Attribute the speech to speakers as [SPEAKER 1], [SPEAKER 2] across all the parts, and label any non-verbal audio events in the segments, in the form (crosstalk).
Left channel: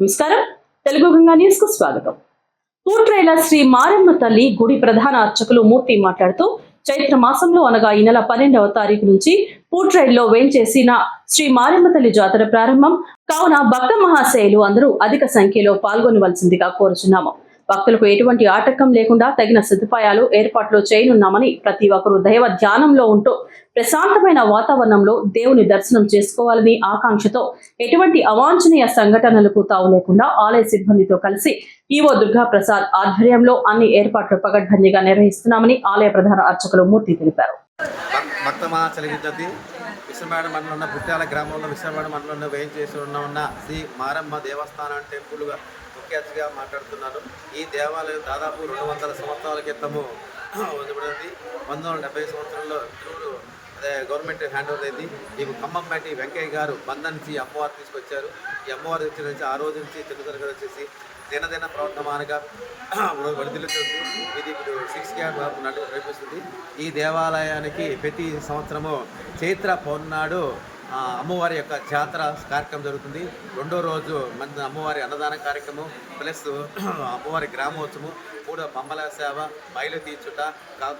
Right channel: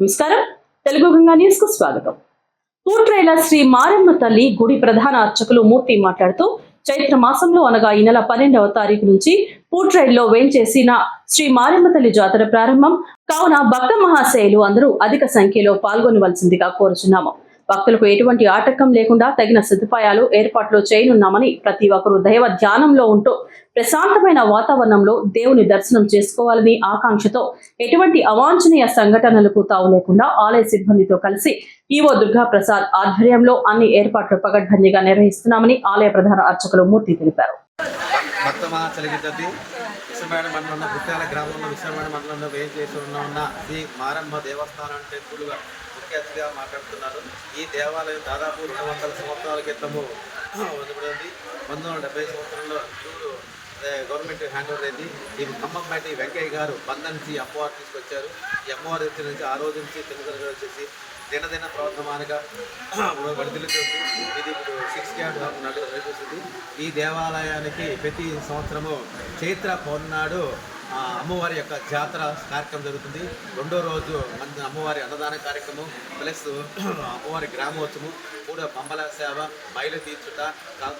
[SPEAKER 1] నమస్కారం. తెలుగు గంగా న్యూస్కు స్వాగతం. పూట్రైల శ్రీ మారమ్మ తల్లి గుడి ప్రధాన అర్చకులు మూర్తి మాట్లాడుతూ చైత్ర మాసంలో అనగా ఈ నెల పన్నెండవ తారీఖు నుంచి పూట్రైల్లో వేంచేసిన శ్రీ మారమ్మ తల్లి జాతర ప్రారంభం. కావున భక్త మహాశయులు అందరూ అధిక సంఖ్యలో పాల్గొనవలసిందిగా కోరుచున్నాము. భక్తులకు ఎటువంటి ఆటంకం లేకుండా తగిన సదుపాయాలు ఏర్పాట్లు చేయనున్నామని ప్రతి ఒక్కరూ దైవ ధ్యానంలో ఉంటూ ప్రశాంతమైన వాతావరణంలో దేవుని దర్శనం చేసుకోవాలని ఆకాంక్షతో ఎటువంటి అవాంఛనీయ సంఘటనలకు తావు లేకుండా ఆలయ సిబ్బందితో కలిసి ఈవో దుర్గా ప్రసాద్ ఆధ్వర్యంలో అన్ని ఏర్పాట్లు పగడ్బందీగా నిర్వహిస్తున్నామని ఆలయ ప్రధాన అర్చకులు మూర్తి తెలిపారు.
[SPEAKER 2] భక్తమా విశ్వమేడ మండలంలో పుట్టాల గ్రామంలో విశ్వమేడ మండలంలో వేయం చేసి ఉన్న ఉన్న శ్రీ మారమ్మ దేవస్థానం టెంపుల్గా ముఖ్య అతిథిగా మాట్లాడుతున్నారు. ఈ దేవాలయం దాదాపు రెండు వందల సంవత్సరాల క్రితము వదిలిపడింది పంతొమ్మిది వందల డెబ్బై సంవత్సరంలో చూడు అదే గవర్నమెంట్ హ్యాండ్ ఓవర్ అయింది. ఈ ఖమ్మంపేట వెంకయ్య గారు బంధం నుంచి అమ్మవారు తీసుకొచ్చారు. ఈ అమ్మవారి దగ్గర నుంచి ఆ రోజు నుంచి తెలుగు వచ్చేసి దినదిన ప్రవర్ధమానగా వర్ధిల్లుతుంది ఇది ఇప్పుడు సిక్స్ క్యాంప్ నడిపిస్తుంది ఈ దేవాలయానికి ప్రతి సంవత్సరము చైత్ర పౌర్ణాడు అమ్మవారి యొక్క జాతర కార్యక్రమం జరుగుతుంది. రెండో రోజు మంది అమ్మవారి అన్నదాన కార్యక్రమం ప్లస్ అమ్మవారి గ్రామోత్సవం కూడా బొమ్మల సేవ బయలు తీర్చుట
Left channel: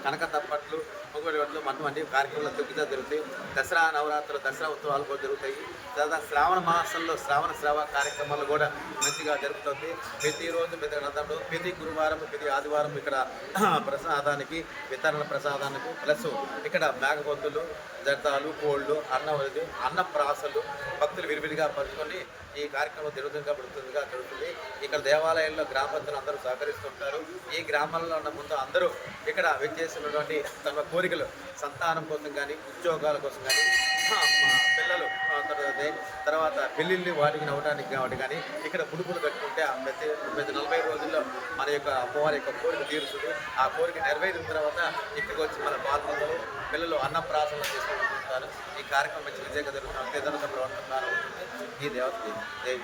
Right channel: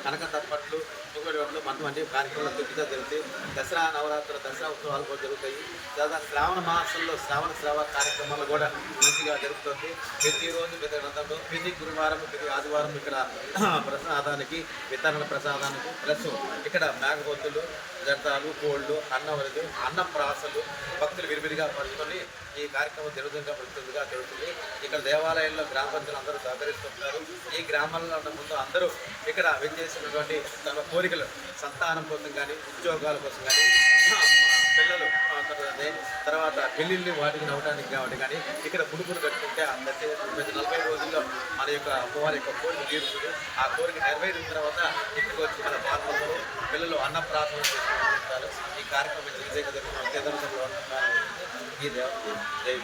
[SPEAKER 2] కనక తప్పట్లు పొగడి మంచి మంచి కార్యక్రమాలు దిగ్గుగా జరుగుతాయి దసరా నవరాత్రులు దసరా ఉత్సవాలు కూడా జరుగుతాయి. దాదాపు శ్రావణ మాసంలో శ్రావణ శ్రావ కార్యక్రమాలు కూడా మంచిగా జరుగుతుంది. ప్రతిరోజు ప్రతి ప్రతి గురువారం ప్రతి ఆదివారం ఇక్కడ (clears throat) ప్రసాదానికి వితరణ ప్రసాదానికి ప్లస్ ఇక్కడ మేఘబొత్తులు జర్తాలు కోళ్ళు అన్నవరది అన్న ప్రాసలు భక్తులు విరివిరిగా పంచుకొని ఈ కార్యక్రమం జరుగుతుందిగా పడుతుందిగా జరుగుతుంది. ఇక్కడ దేవాలయంలో గ్రామ పెద్దలు అందరూ సహకరిస్తుంటారు. ఈ గ్రామంలో ఉన్న ముందు అందరూ ఇక్కడ విచ్చేసినటువంటి తమ కోరికలు సంతానం కోసం కానీ ఉద్యోగాల కోసం కానీ మా పిల్లలు తర్వాత పెళ్ళిళ్ళు వాటికి నవ్వడానికి కాబట్టి కానీ ఇక్కడ పుడుపులు కట్టుకుంటే ఆ ప్రతి నలభై రోజుల్లో మన యొక్క అమ్మవారి యొక్క కోరిక తీరుతుంది. ఆ కోరిక నెరవేరిన తర్వాత ఇక్కడికి వచ్చి మన పాల్గొందరు పిల్లలు అన్న ప్రార్థన చేసుకుంటుంటారు ఈ కార్యక్రమం విజయగా విజయంగా జరుగుతుంది. అంతే ఈ దేవత దేవి